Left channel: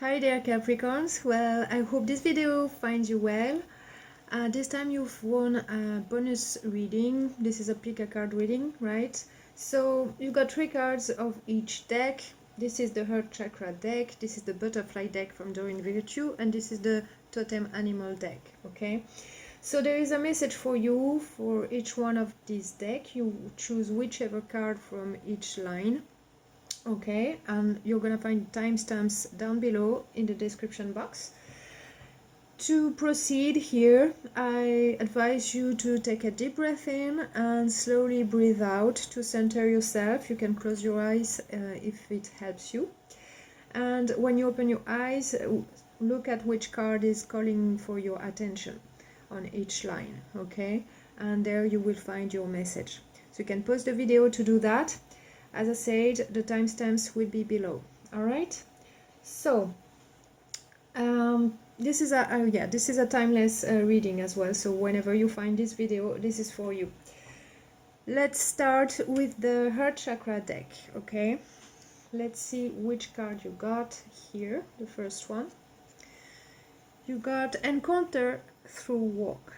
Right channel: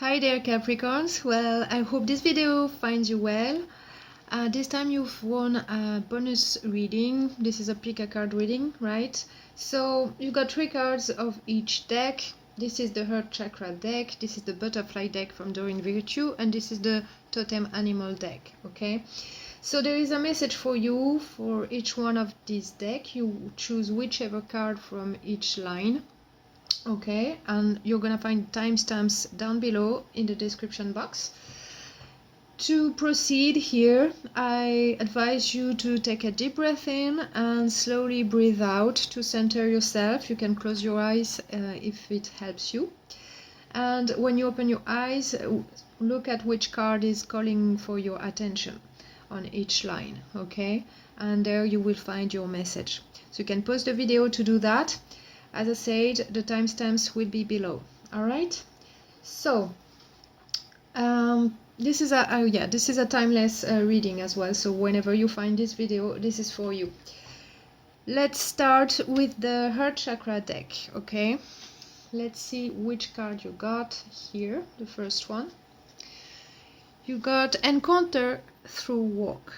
Hi there Capricorns, well I hope this video finds you well. This time you've won a bonus reading. This is a pick a card reading, right? So you got 3 cards of each deck. This is the Heart Chakra deck, this is the Butterfly deck from Doreen Virtue, and this is the Totem Animal deck, okay? So there is a message for you for each one of these decks. You choose whichever card from each line. Okay, and you're gonna find timestamps down below in the description box. To proceed here, I advise you to take a deep breath in and slowly breathe out to center yourself. You can close your eyes if it helps you. And when you open your eyes, look at which card is calling for your attention on each line, okay? And there you will find your message. So you can pause the video to do that. As I said, the timestamps will be below. All right. So this is a timeless reading as well. So whenever you find this video, this is for you. Let's start with the Heart Chakra deck. Okay. Let's see which card you got here. The first one. You got Encounter Through Walk.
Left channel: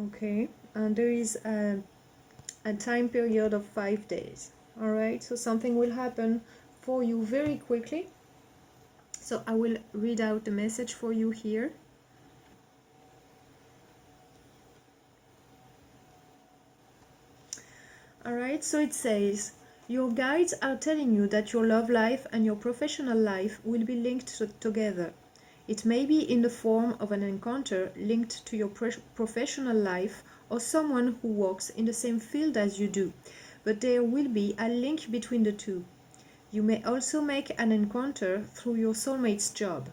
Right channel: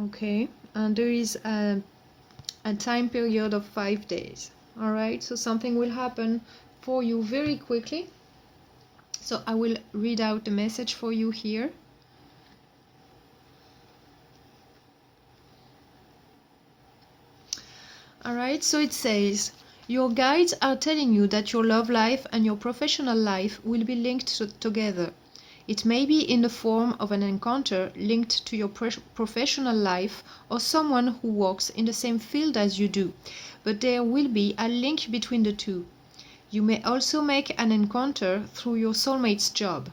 Okay. And there is a time period of 5 days. Alright, so something will happen for you very quickly. So I will read out the message for you here. Alright, so it says, your guides are telling you that your love life and your professional life will be linked together. It may be in the form of an encounter linked to your professional life or someone who works in the same field as you do, but there will be a link between the two. You may also make an encounter through your soulmate's job.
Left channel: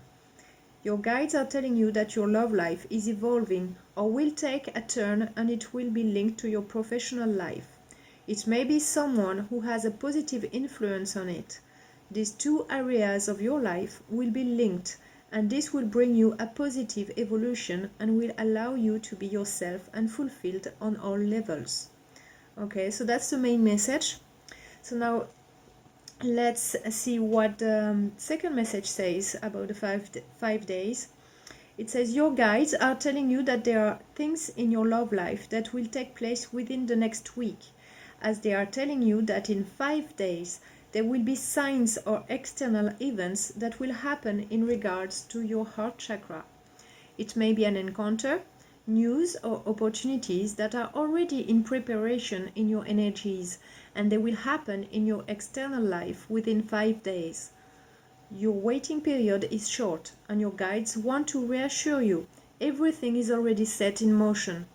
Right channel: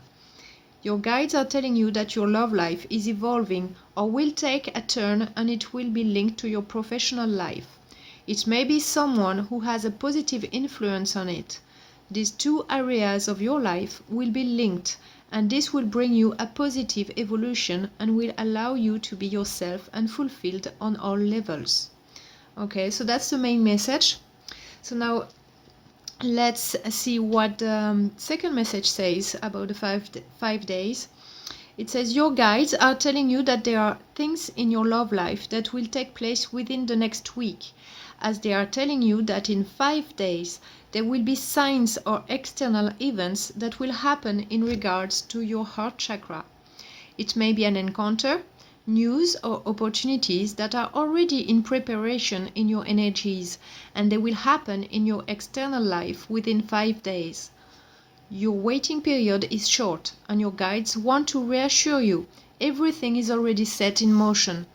Your guides are telling you that your love life is evolving or will take a turn, and it will be linked to your professional life. It may be someone who has a positive influence on it. These two areas of your life will be linked, and this will bring you a positive evolution and will allow you to be yourself and fulfilled on all levels. Okay, so that's the main message. So now let's see what the second message says about the 5 days. It says your guides are telling you that there are things in your love life that will take place within the next week, as they are telling you that in 5 days there will be signs or external events that will happen in regards to your heart chakra. It may be an encounter, news or opportunities that are already in preparation in your energies, and they will happen in your external life within 5 days. Your waiting period is short, and your guides want to reassure you everything is already set in motion.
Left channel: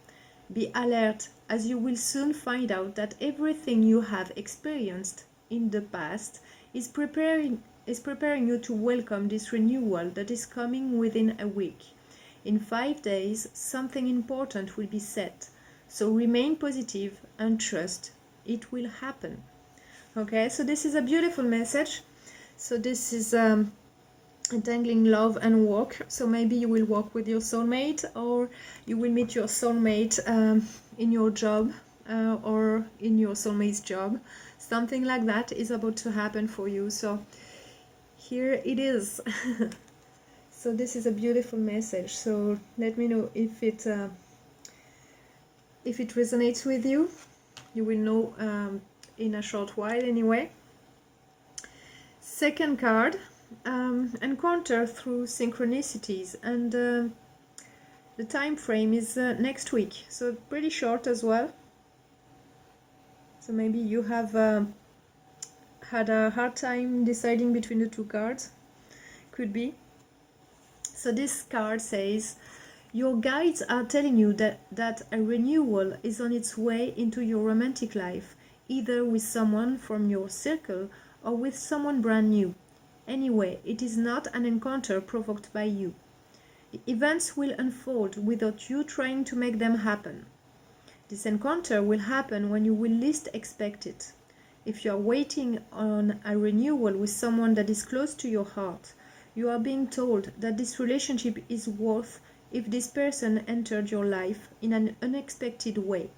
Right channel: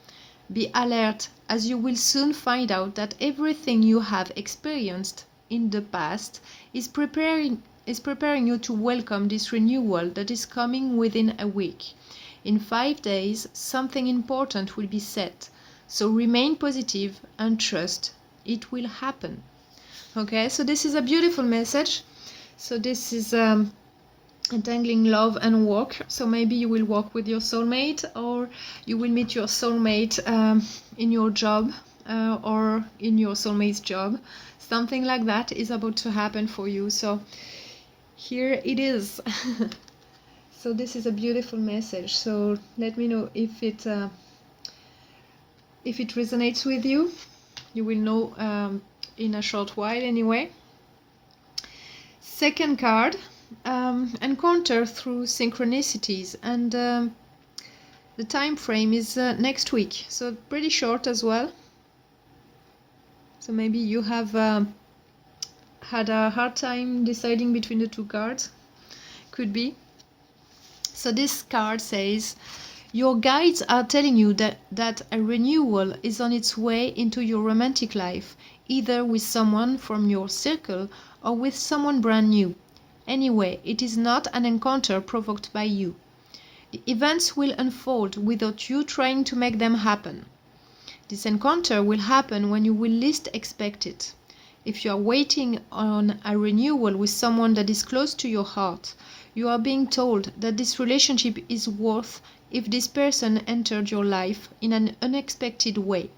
Be alert, as you will soon find out that everything you have experienced in the past is preparing you to welcome this renewal that is coming within a week. In 5 days, something important will be set, so remain positive and trust it will happen. Okay, so this is a beautiful message. So this is entangling love and work. So maybe you will work with your soulmate, or you will meet your soulmate in your job or in your soulmate's job. Something like that is about to happen for you. So here it is. So this is a beautiful message. So let me know if it resonates with you. You will know in a short while anyway. Second card, encounter through synchronicities, and the time frame is next week, so pretty short as well. So maybe you have had a hard time deciding between the 2 cards. Could be. So this card says, your guides are telling you that a renewal is on its way into your romantic life, either with someone from your circle or with someone brand new. Anyway, it is not an encounter provoked by you. The events will unfold without you trying to make them happen. This encounter will happen when you will least expect it. If you are waiting on a renewal with someone that is close to your heart, you are being told that this relationship is worth if this person entered your life in an unexpected way.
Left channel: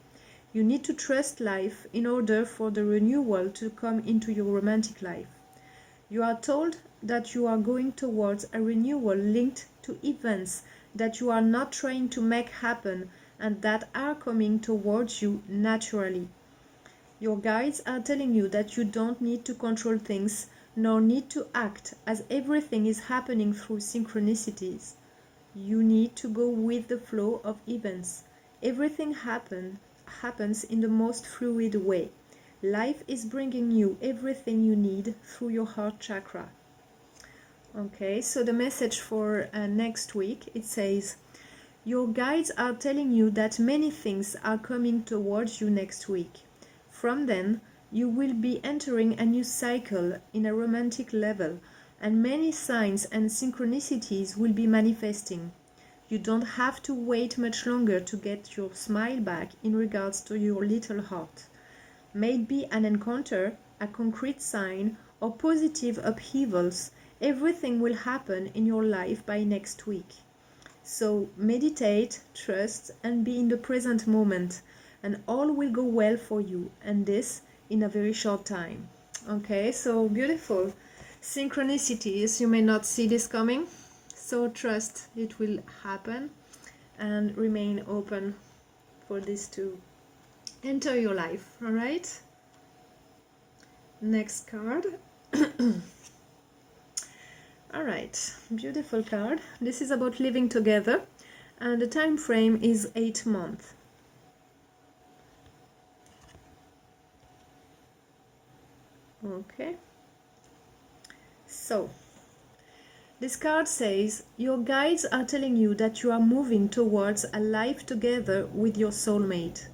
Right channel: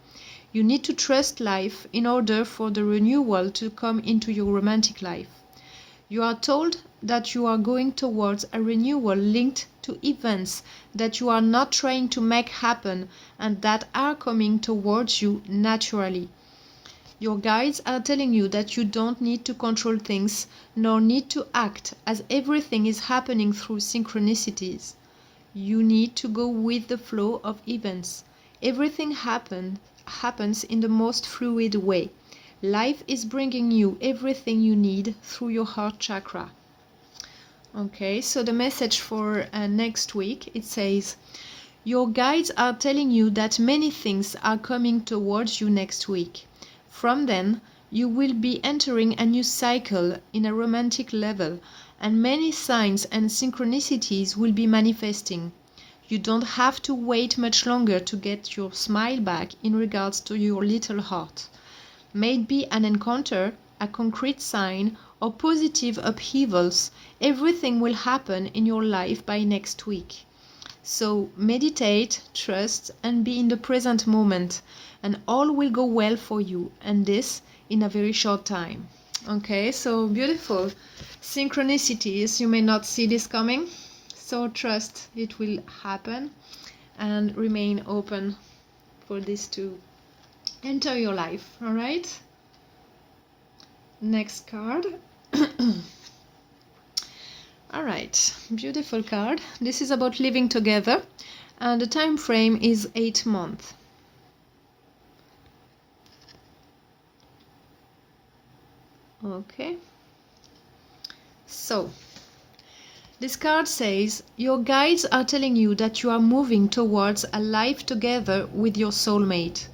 You need to trust life in order for the renewal to come into your romantic life. You are told that you are going towards a renewal linked to events that you are not trying to make happen and that are coming towards you naturally. Your guides are telling you that you don't need to control things nor need to act, as everything is happening through synchronicities. You need to go with the flow of events. Everything happens in the most fluid way. Life is bringing you everything you need through your heart chakra. Okay, so the message for next week, it says, your guides are telling you that many things are coming towards you next week. From then, you will be entering a new cycle in a romantic level, and many signs and synchronicities will be manifesting. You don't have to wait much longer to get your smile back in regards to your little heart. May it be an encounter, a concrete sign, or positive upheavals, everything will happen in your life by next week. So meditate, trust, and be in the present moment, and all will go well for you, and this in a very short time. Okay, so beautiful synchronicities. You may not see this coming, so trust it will happen and remain open for this to enter your life. All right, next card. All right, beautiful card. This is about living together, and the time frame is 8 months. Okay, so this card says your guides are telling you that you are moving towards a life together with your soulmate.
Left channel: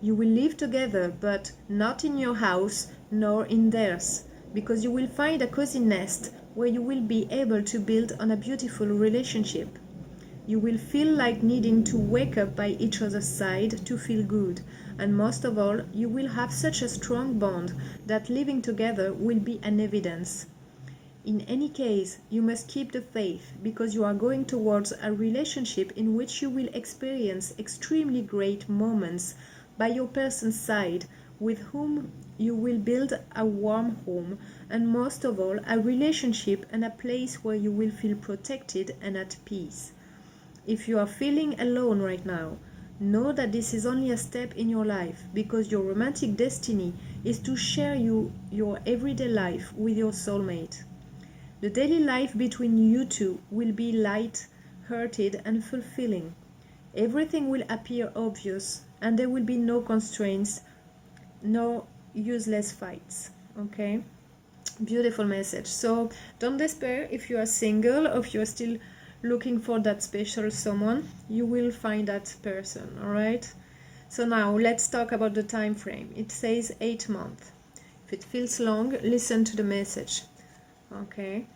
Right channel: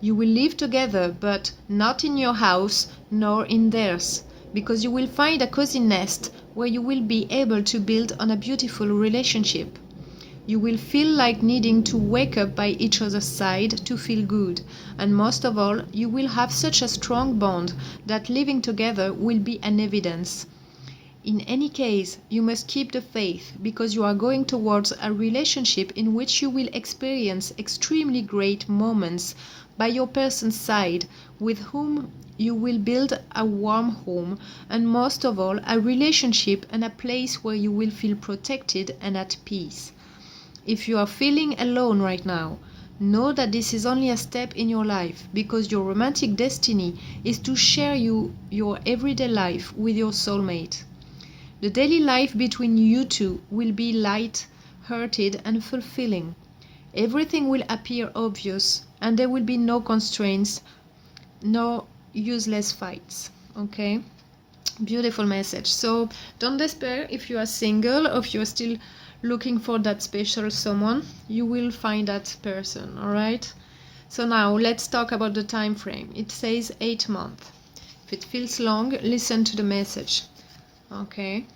You will live together, but not in your house nor in theirs, because you will find a cozy nest where you will be able to build on a beautiful relationship. You will feel like needing to wake up by each other's side to feel good, and most of all, you will have such a strong bond that living together will be an evidence. In any case, you must keep the faith, because you are going towards a relationship in which you will experience extremely great moments by your person's side, with whom you will build a warm home, and most of all, a relationship and a place where you will feel protected and at peace. If you are feeling alone right now, know that this is only a step in your life, because your romantic destiny is to share your everyday life with your soulmate. The daily life between you two will be light-hearted and fulfilling. Everything will appear obvious, and there will be no constraints, no useless fights. Okay? Beautiful message. So don't despair if you are single or if you are still looking for that special someone. You will find that person. All right? So now let's talk about the time frame. It says 8 months. If it feels long, listen to the message. Okay?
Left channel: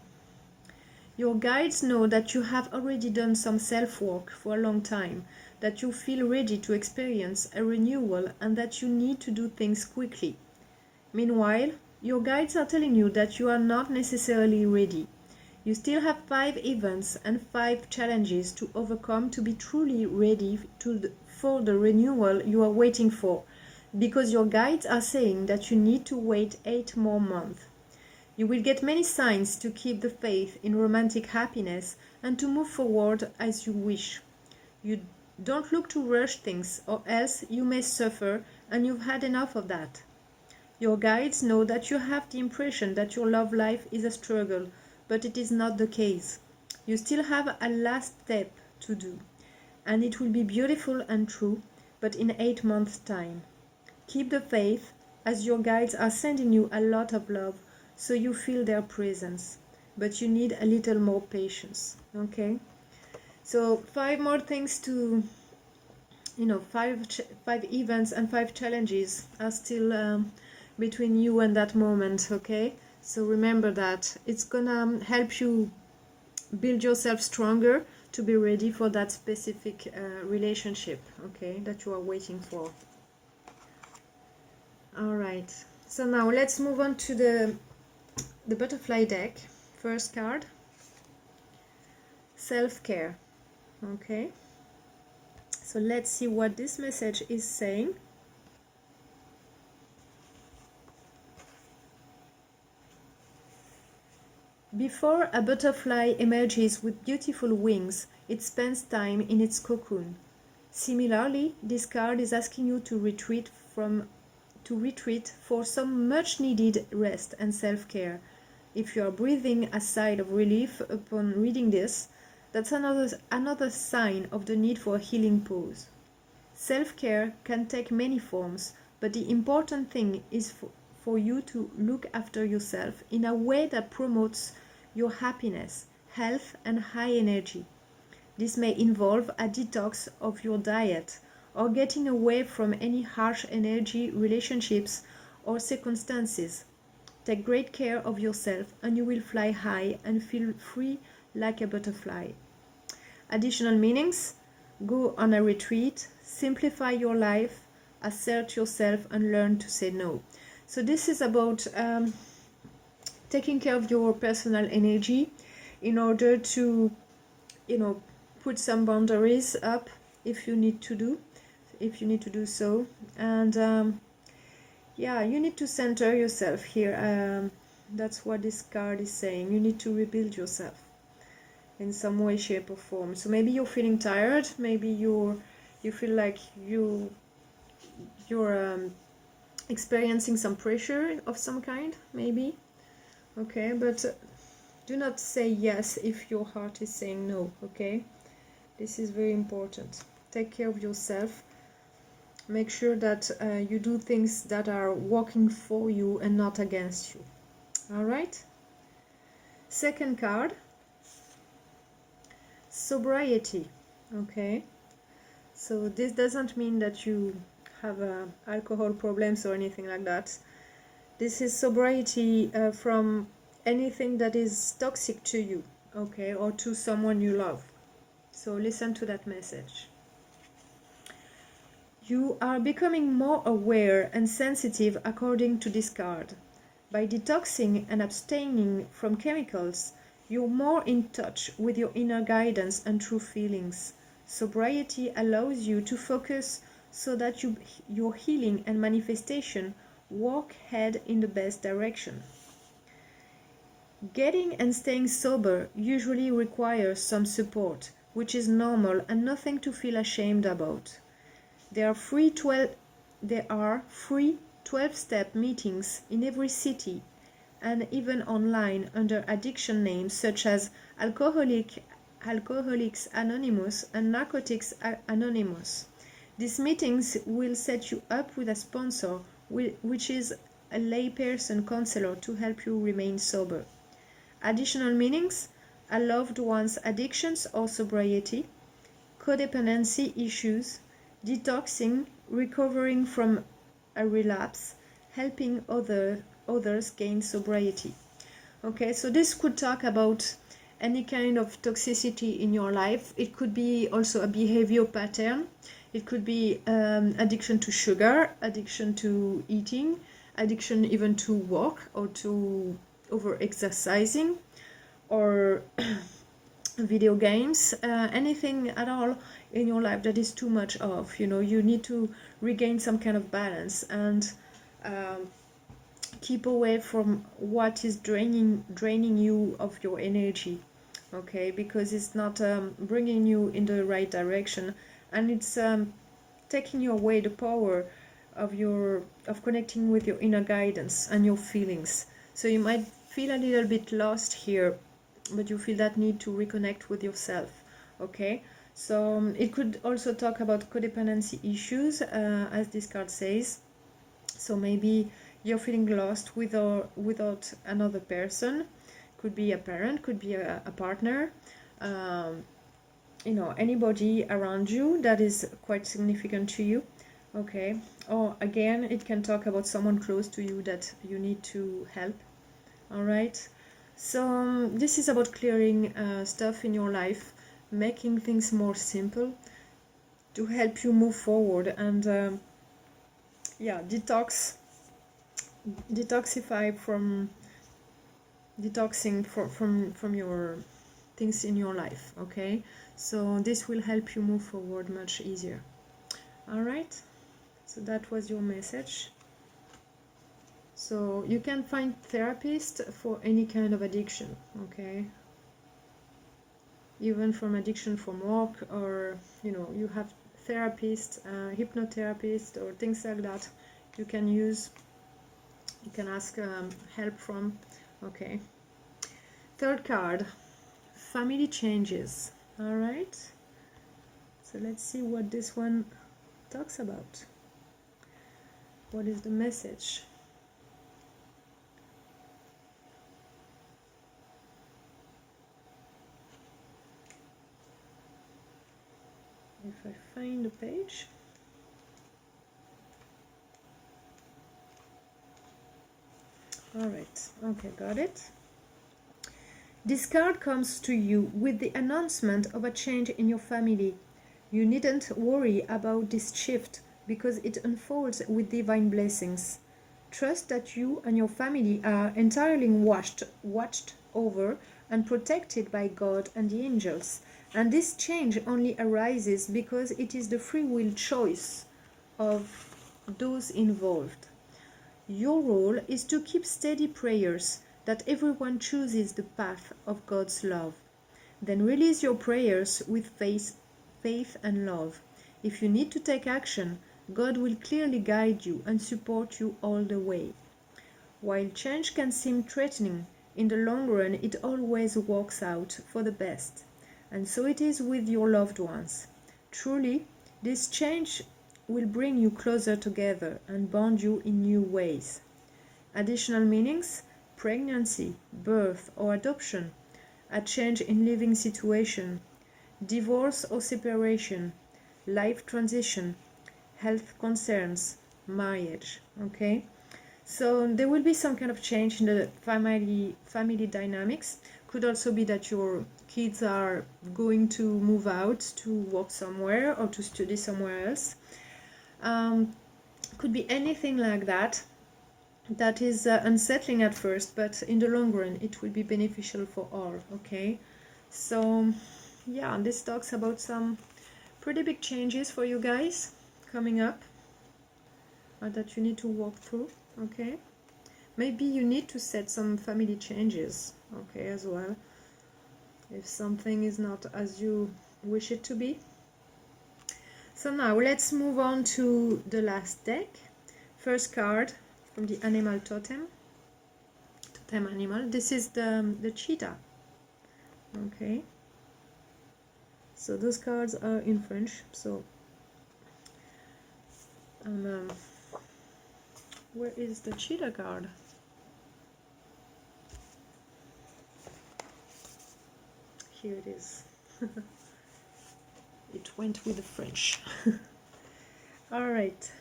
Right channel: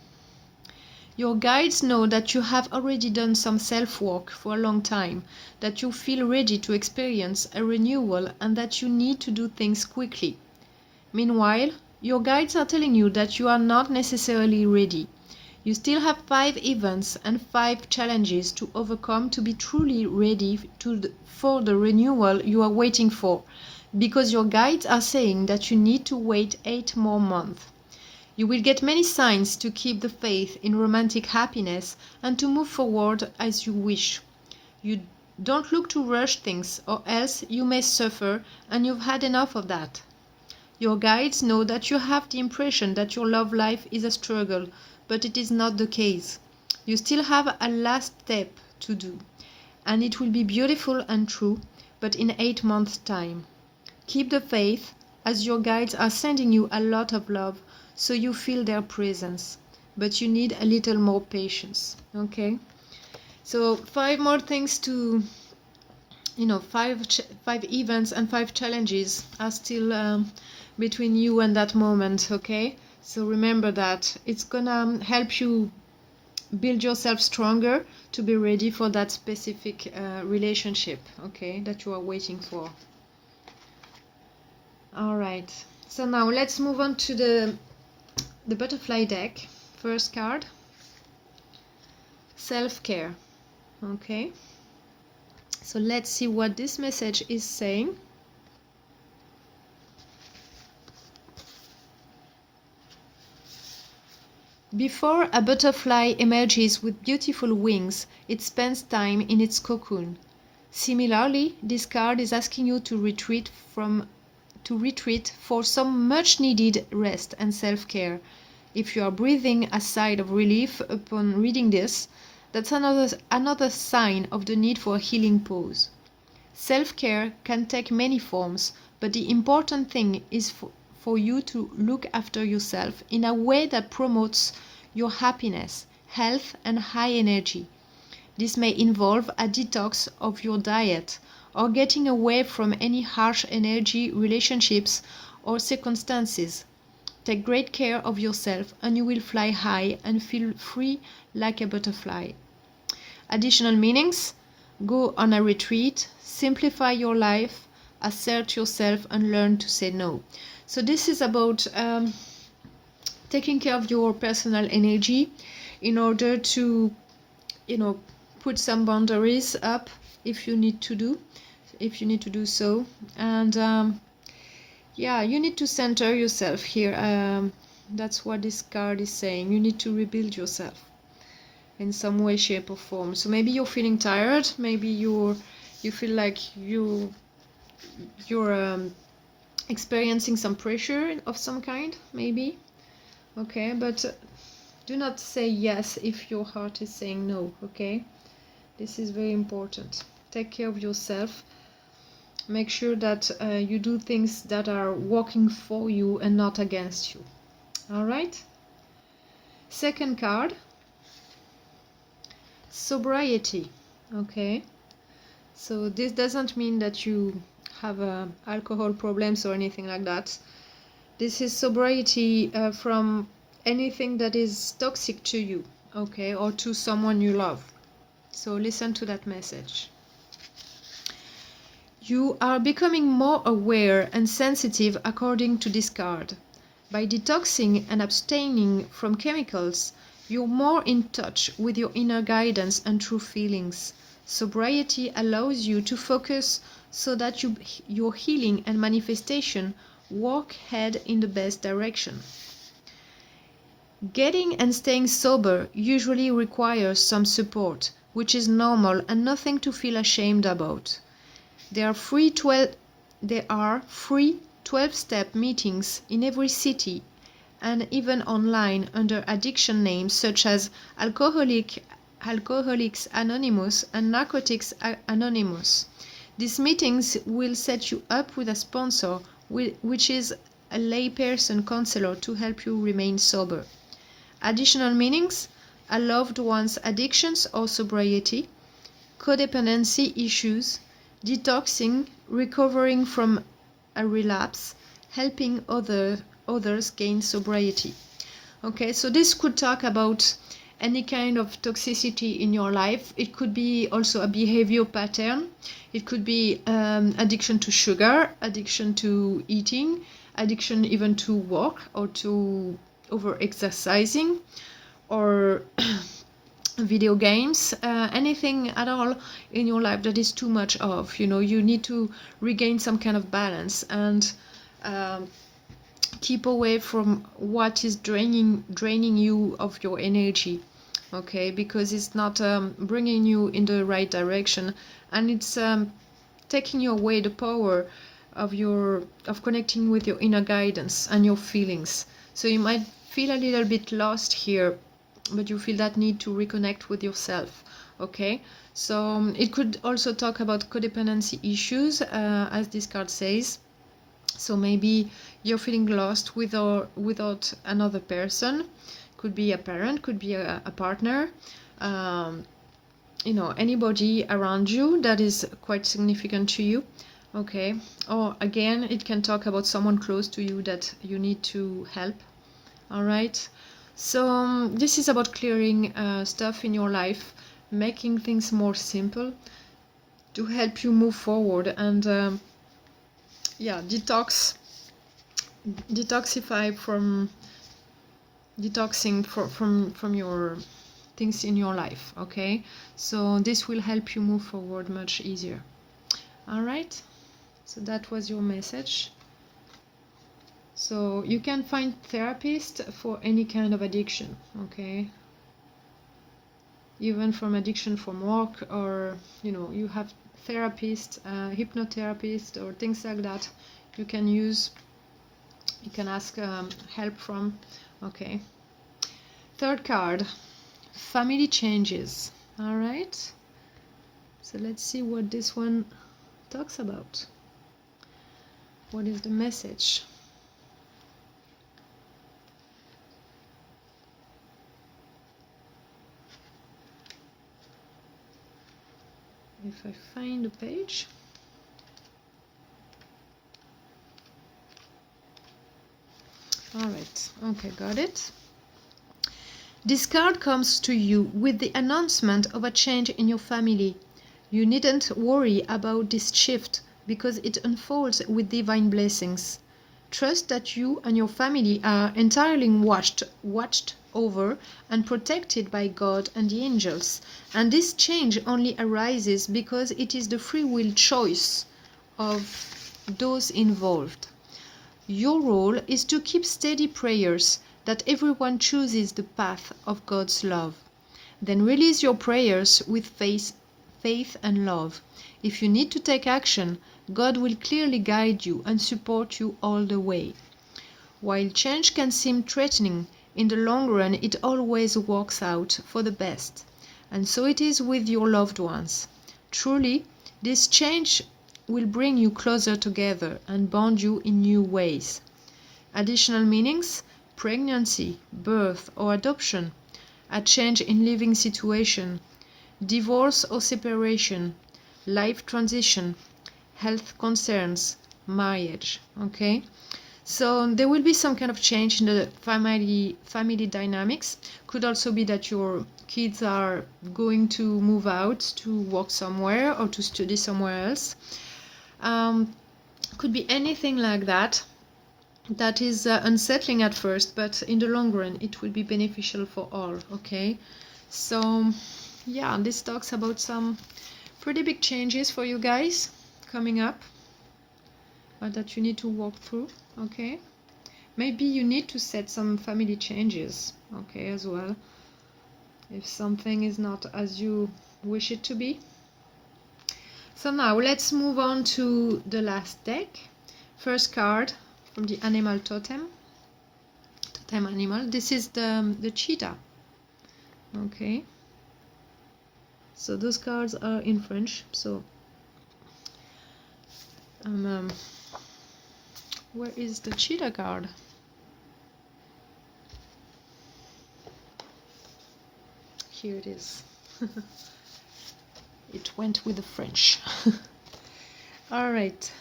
Your guides know that you have already done some self-work for a long time, that you feel ready to experience a renewal, and that you need to do things quickly. Meanwhile, your guides are telling you that you are not necessarily ready. You still have 5 events and 5 challenges to overcome to be truly ready for the renewal you are waiting for, because your guides are saying that you need to wait 8 more months. You will get many signs to keep the faith in romantic happiness and to move forward as you wish. You don't look to rush things, or else you may suffer, and you've had enough of that. Your guides know that you have the impression that your love life is a struggle, but it is not the case. You still have a last step to do, and it will be beautiful and true, but in 8 months' time. Keep the faith, as your guides are sending you a lot of love, so you feel their presence, but you need a little more patience. Okay, so 5 more things to, 5 events and 5 challenges are still between you and that moment. Okay, so remember that it's gonna help you build yourself stronger to be ready for that specific relationship, okay, that you are waiting for. All right, so now let's move on to the butterfly deck. First card, self-care. Okay, so let's see what this message is saying. Before a butterfly emerges with beautiful wings, it spends time in its cocoon. Similarly, this card is asking you to retreat for some much needed rest and self-care. If you are breathing a sigh of relief upon reading this, that's another sign of the need for a healing pause. Self-care can take many forms, but the important thing is for you to look after yourself in a way that promotes your happiness, health, and high energy. This may involve a detox of your diet or getting away from any harsh energy relationships or circumstances. Take great care of yourself and you will fly high and feel free like a butterfly. Additional meanings: go on a retreat, simplify your life, assert yourself, and learn to say no. So this is about taking care of your personal energy in order to, put some boundaries up if you need to do so. And yeah, you need to center yourself here. That's what this card is saying. You need to rebuild yourself in some way, shape, or form. So maybe you're feeling tired. Maybe you feel like you're experiencing some pressure of some kind. Maybe. Okay, but do not say yes if your heart is saying no. Okay, this is very important. Take care of yourself. Make sure that you do things that are working for you and not against you. All right. Second card, sobriety. Okay, so this doesn't mean that you have alcohol problems or anything like that. This is sobriety from anything that is toxic to you, okay, or to someone you love. So listen to that message. You are becoming more aware and sensitive according to this card. By detoxing and abstaining from chemicals, you're more in touch with your inner guidance and true feelings. Sobriety allows you to focus so that your healing and manifestation walk head in the best direction. Getting and staying sober usually requires some support, which is normal and nothing to feel ashamed about. There are free 12-step meetings in every city and even online under addiction names such as Alcoholics Anonymous and Narcotics Anonymous. These meetings will set you up with a sponsor, which is a layperson counselor to help you remain sober. Additional meanings: a loved one's addictions or sobriety, codependency issues, detoxing, recovering from a relapse, helping others gain sobriety. Okay, so this could talk about any kind of toxicity in your life. It could be also a behavior pattern. It could be addiction to sugar, addiction to eating, addiction even to work or to over-exercising, or video games, anything at all in your life that is too much of. You need to regain some kind of balance and keep away from what is draining you of your energy, okay, because it's not bringing you in the right direction, and it's taking you away the power of connecting with your inner guidance and your feelings. So you might feel a little bit lost here, but you feel that need to reconnect with yourself. Okay, so it could also talk about codependency issues, as this card says. So maybe you're feeling lost without another person. Could be a parent, could be a partner, anybody around you that is quite significant to you. Okay, or again, it can talk about someone close to you that you need to help. All right, so this is about clearing stuff in your life, making things more simple to help you move forward and detoxify from your things in your life. Okay, so this will help you move forward much easier. All right, so that was your message. So you can find therapist for any kind of addiction, okay? Even from addiction from work, or you have therapist, hypnotherapist, or things like that. You can use, you can ask help from. Okay. Third card, family changes. All right. So let's see what this one talks about. What is the message? If I find the page. All right. Okay, got it. This card comes to you with the announcement of a change in your family. You needn't worry about this shift because it unfolds with divine blessings. Trust that you and your family are entirely watched over and protected by God and the angels, and this change only arises because it is the free will choice of those involved. Your role is to keep steady prayers that everyone chooses the path of God's love. Then release your prayers with faith and love. If you need to take action, God will clearly guide you and support you all the way. While change can seem threatening, in the long run it always works out for the best. And so it is with your loved ones. Truly, this change will bring you closer together and bond you in new ways. Additional meanings: pregnancy, birth or adoption, a change in living situation, divorce or separation, life transition, health concerns, marriage. Okay, so there will be some kind of change in the family dynamics. Could also be that your kids are going to move out to work somewhere or to study somewhere else. Could be anything like that. That is unsettling at first, but in the long run it will be beneficial for all. Okay, so yeah, this talks about some pretty big changes for you guys coming up that you need to walk through. Okay, maybe you need to set some family changes, okay, as well, if something is not as you wish it to be. So now let's move on to the last deck. First card from the animal totem animal. This is the cheetah. Okay, so those cards are in French, so where is the cheetah card? Here it is. It went with the French. All right,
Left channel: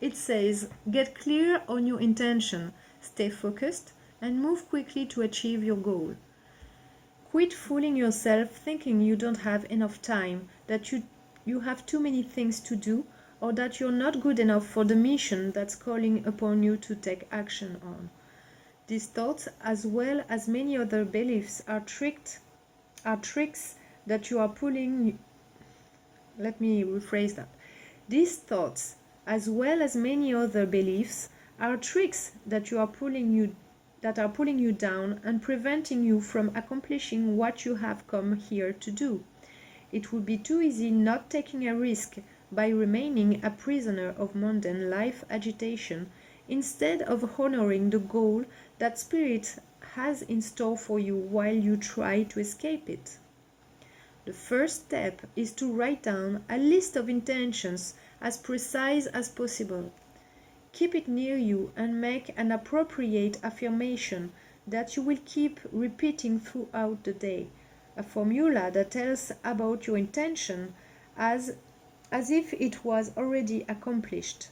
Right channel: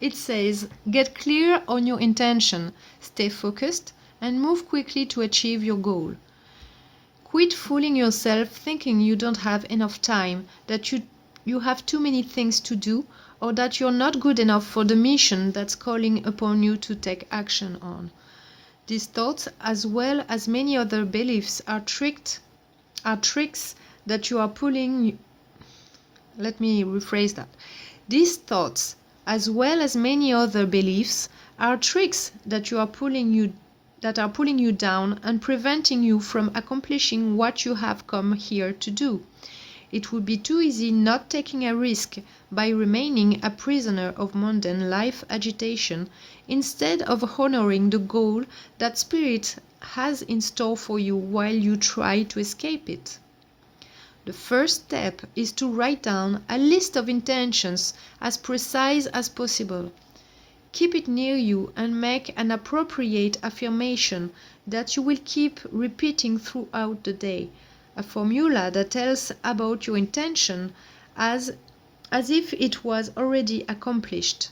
it says, get clear on your intention, stay focused and move quickly to achieve your goal. Quit fooling yourself thinking you don't have enough time, that you have too many things to do, or that you're not good enough for the mission that's calling upon you to take action on. These thoughts, as well as many other beliefs, are tricks that you are pulling. Let me rephrase that. These thoughts, as well as many other beliefs, are tricks that are pulling you down and preventing you from accomplishing what you have come here to do. It would be too easy not taking a risk by remaining a prisoner of mundane life agitation instead of honoring the goal that Spirit has in store for you while you try to escape it. The first step is to write down a list of intentions as precise as possible. Keep it near you and make an appropriate affirmation that you will keep repeating throughout the day. A formula that tells about your intention as if it was already accomplished.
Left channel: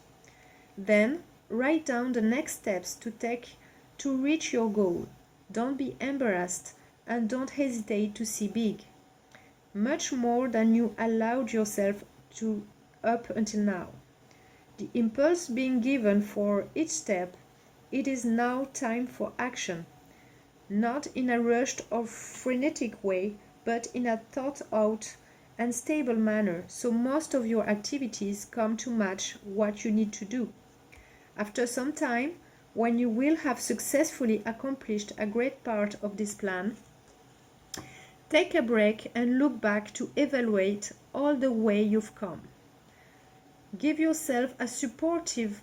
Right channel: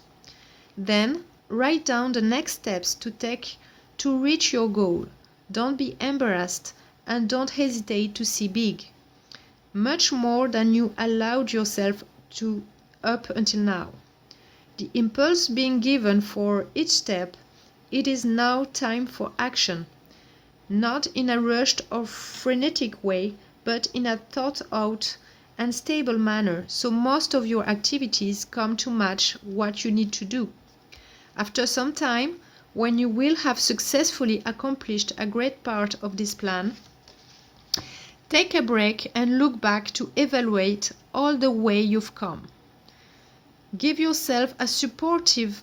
Then write down the next steps to take to reach your goal. Don't be embarrassed and don't hesitate to see big. Much more than you allowed yourself to up until now. The impulse being given for each step, it is now time for action. Not in a rushed or frenetic way, but in a thought-out and stable manner, so most of your activities come to match what you need to do. After some time, when you will have successfully accomplished a great part of this plan, take a break and look back to evaluate all the way you've come. Give yourself a supportive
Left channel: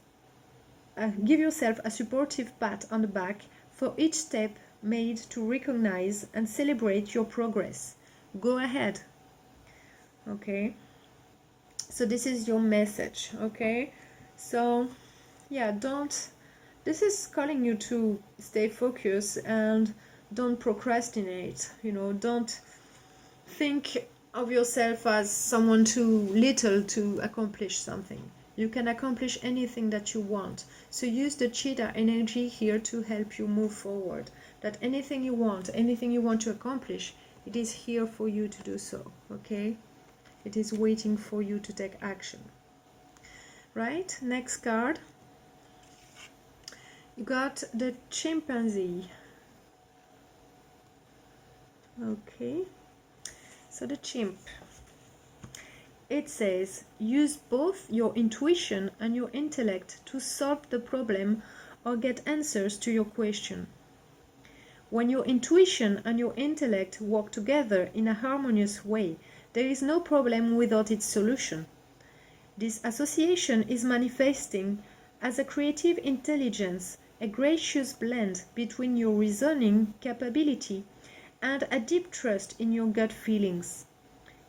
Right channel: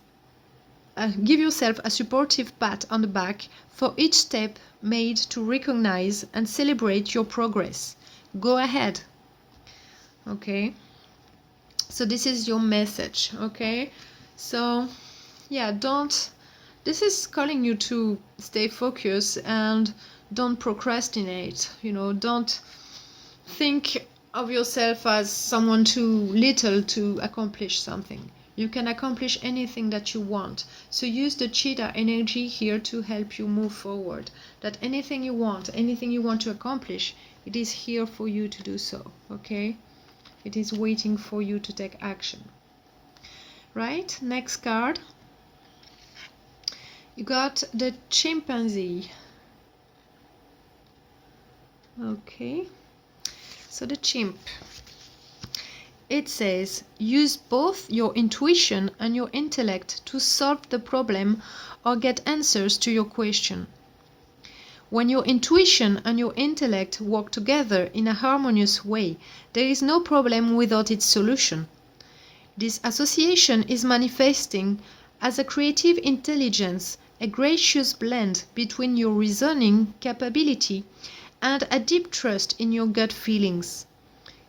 pat on the back for each step made to recognize and celebrate your progress. Go ahead. Okay? So this is your message, okay? So, yeah, this is calling you to stay focused and don't procrastinate, don't think of yourself as someone too little to accomplish something. You can accomplish anything that you want. So use the cheetah energy here to help you move forward. That anything you want to accomplish, it is here for you to do so, okay? It is waiting for you to take action. Right? Next card. You got the chimpanzee. Okay. So the chimp. It says, use both your intuition and your intellect to solve the problem or get answers to your question. When your intuition and your intellect work together in a harmonious way, there is no problem without its solution. This association is manifesting as a creative intelligence, a gracious blend between your reasoning capability and a deep trust in your gut feelings.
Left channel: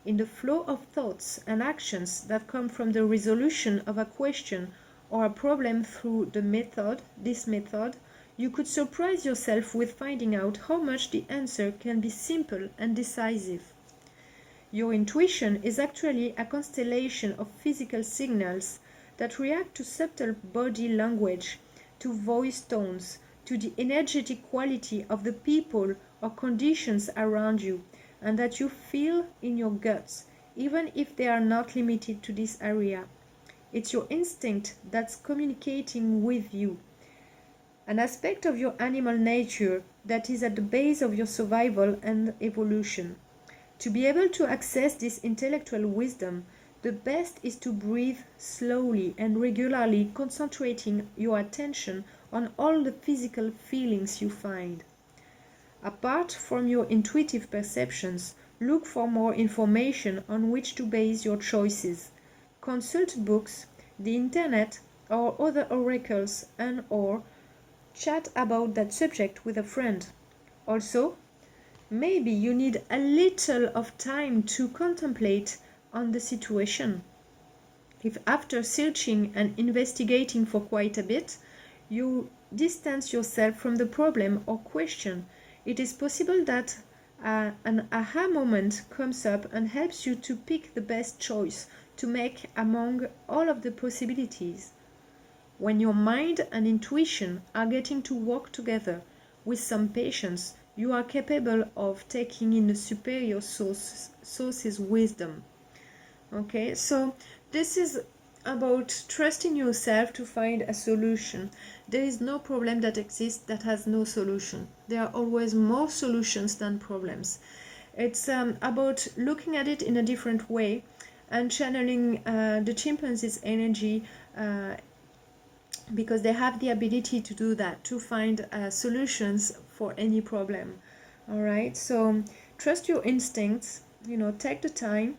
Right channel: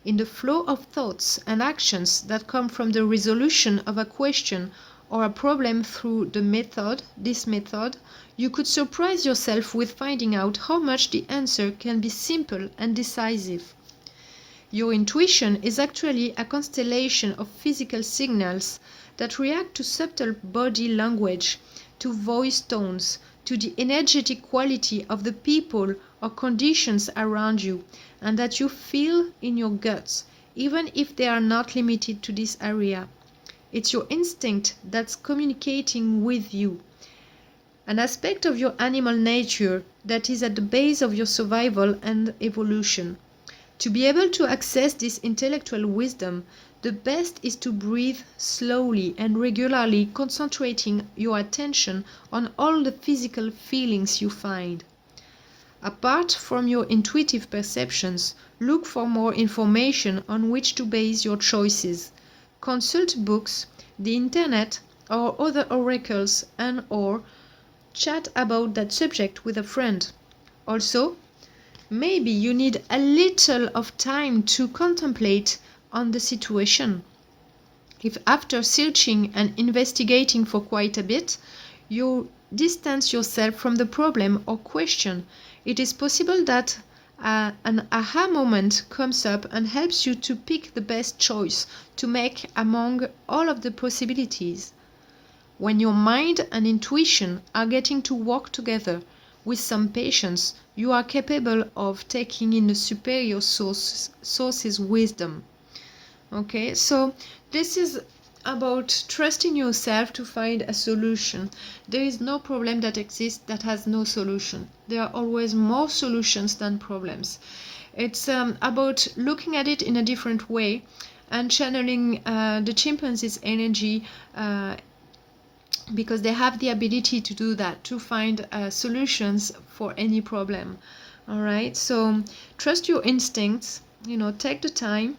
In the flow of thoughts and actions that come from the resolution of a question or a problem through this method, you could surprise yourself with finding out how much the answer can be simple and decisive. Your intuition is actually a constellation of physical signals that react to subtle body language, to voice tones, to the energetic quality of the people or conditions around you, and that you feel in your guts, even if they are not limited to this area. It's your instinct that's communicating with you, an aspect of your animal nature that is at the base of your survival and evolution. To be able to access this intellectual wisdom, the best is to breathe slowly and regularly, concentrating your attention on all the physical feelings you find. Apart from your intuitive perceptions, look for more information on which to base your choices. Consult books, the internet, or other oracles, and/or chat about that subject with a friend. Also, maybe you need a little of time to contemplate on the situation. If after searching and investigating for quite a bit, you distance yourself from the problem or question, it is possible that an aha moment comes up and helps you to pick the best choice to make among all of the possibilities. When your mind and intuition are getting to work together with some patience, you are capable of taking in the superior source's wisdom. Okay, so this is about trusting yourself to find a solution. There is no problem that exists that has no solution. There are always more solutions than problems. It's about looking at it in a different way and channeling the chimpanzee's energy because they have the ability to do that, to find solutions for any problem. All right, so trust your instincts, take the time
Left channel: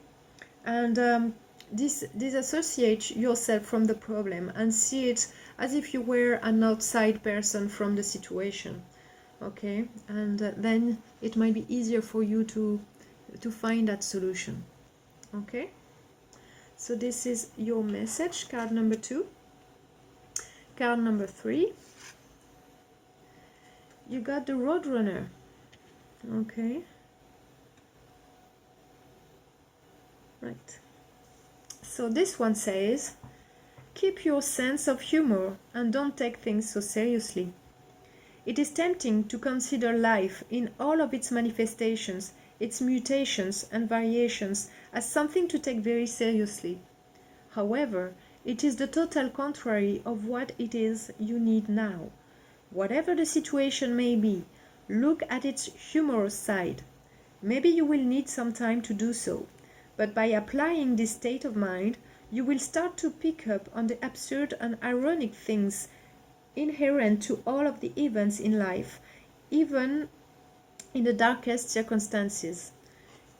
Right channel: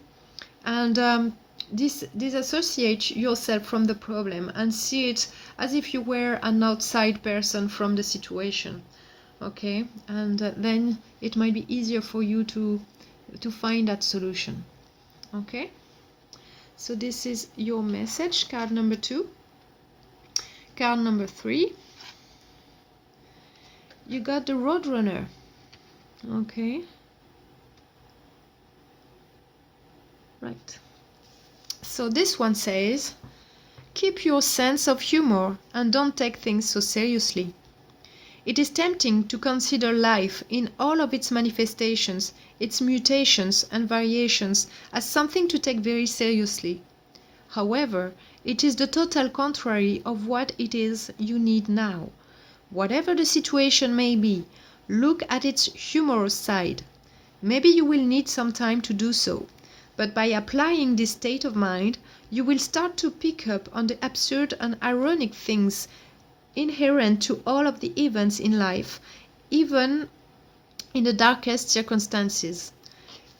and disassociate yourself from the problem and see it as if you were an outside person from the situation. Okay, and then it might be easier for you to find that solution. Okay, so this is your message, card number 2. Card number 3, you got the Roadrunner. Okay, right. So this one says, keep your sense of humor and don't take things so seriously. It is tempting to consider life in all of its manifestations, its mutations and variations, as something to take very seriously. However, it is the total contrary of what it is you need now. Whatever the situation may be, look at its humorous side. Maybe you will need some time to do so, but by applying this state of mind, you will start to pick up on the absurd and ironic things inherent to all of the events in life, even in the darkest circumstances.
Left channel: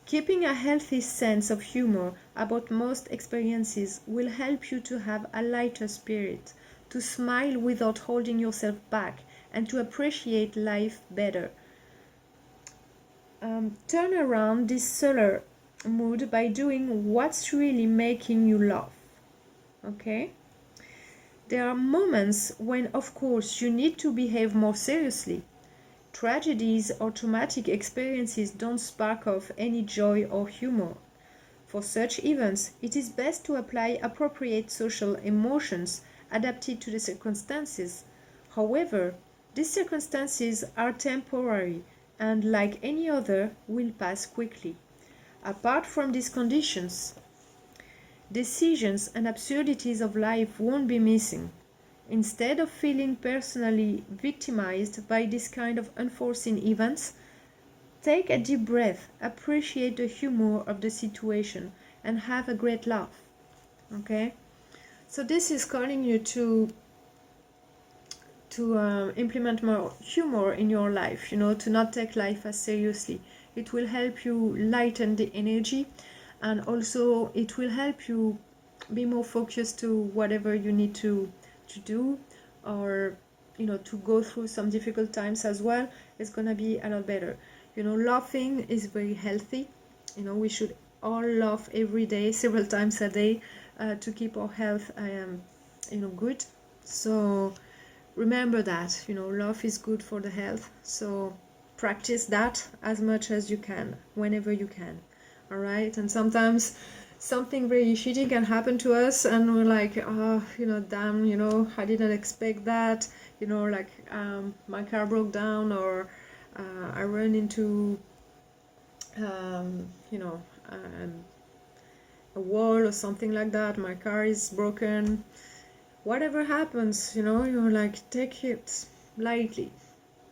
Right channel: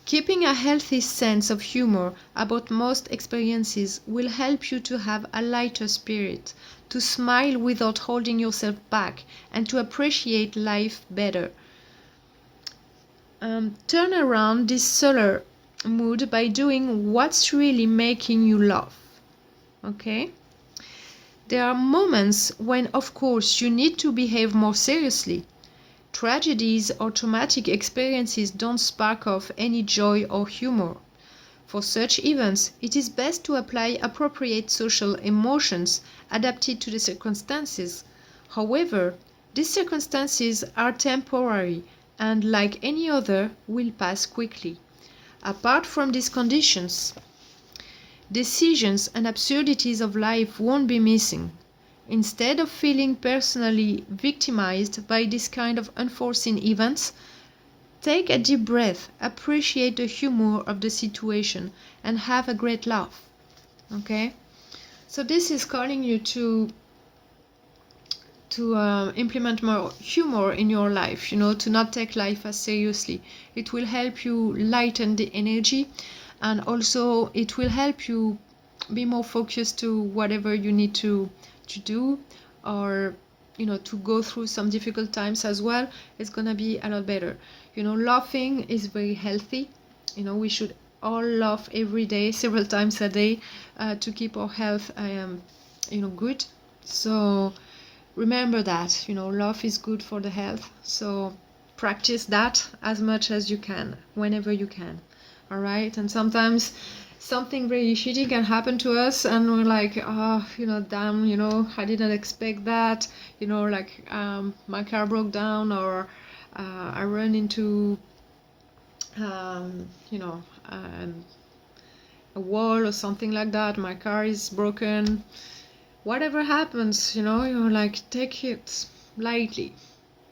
Keeping a healthy sense of humor about most experiences will help you to have a lighter spirit, to smile without holding yourself back, and to appreciate life better. Turn around this solar mood by doing what's really making you laugh. Okay? There are moments when, of course, you need to behave more seriously. Tragedies or traumatic experiences don't spark off any joy or humor. For such events, it is best to apply appropriate social emotions adapted to the circumstances. However, these circumstances are temporary and, like any other, will pass quickly. Apart from these conditions, decisions and absurdities of life won't be missing. Instead of feeling personally victimized by this kind of unforeseen events, take a deep breath, appreciate the humor of the situation, and have a great laugh. Okay? So this is calling you to implement more humor in your life, to not take life as seriously. It will help you lighten the energy, and also it will help you be more focused to whatever you need to do, or to go through some difficult times as well. It's gonna be a lot better. Laughing is very healthy. We should all laugh every day, several times a day, to keep our health good. So remember that love is good for the health, so practice that as much as you can, whenever you can. All right? And sometimes something very shitty can happen to us, and we're like, oh, damn, I didn't expect that, like my car broke down, or I ran into a wall or something like that, my car is broken. Whatever happens, you're like, take it lightly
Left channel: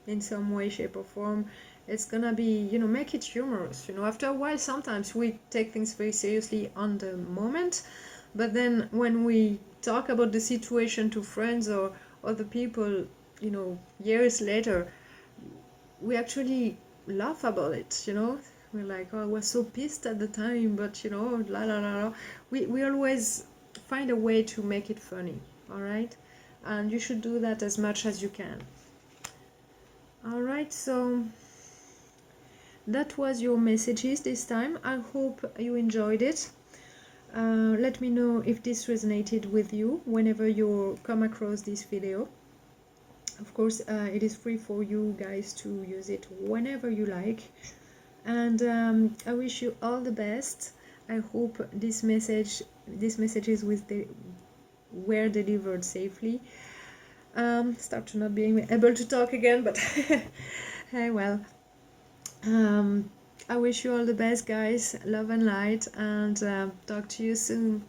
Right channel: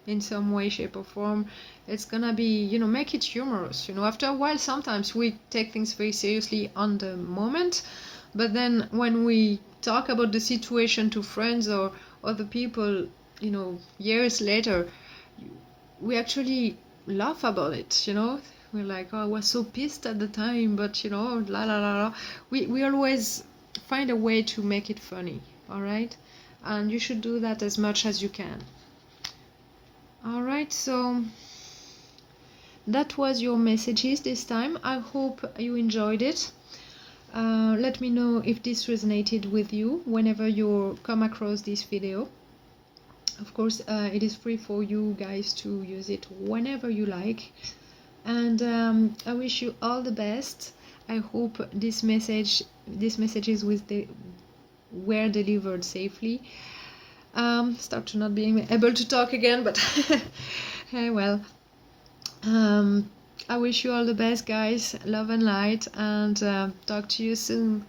in some way, shape, or form. It's gonna be, make it humorous. After a while, sometimes we take things very seriously on the moment, but then when we talk about the situation to friends or other people, years later, we actually laugh about it. We're like, oh, I was so pissed at the time, but la la la la. We always find a way to make it funny. All right? And you should do that as much as you can. All right, so that was your messages this time. I hope you enjoyed it. Let me know if this resonated with you whenever you come across this video. Of course, it is free for you guys to use it whenever you like. And I wish you all the best. I hope these messages were delivered safely. Start to not being able to talk again, but hey, well, I wish you all the best, guys. Love and light, and talk to you soon.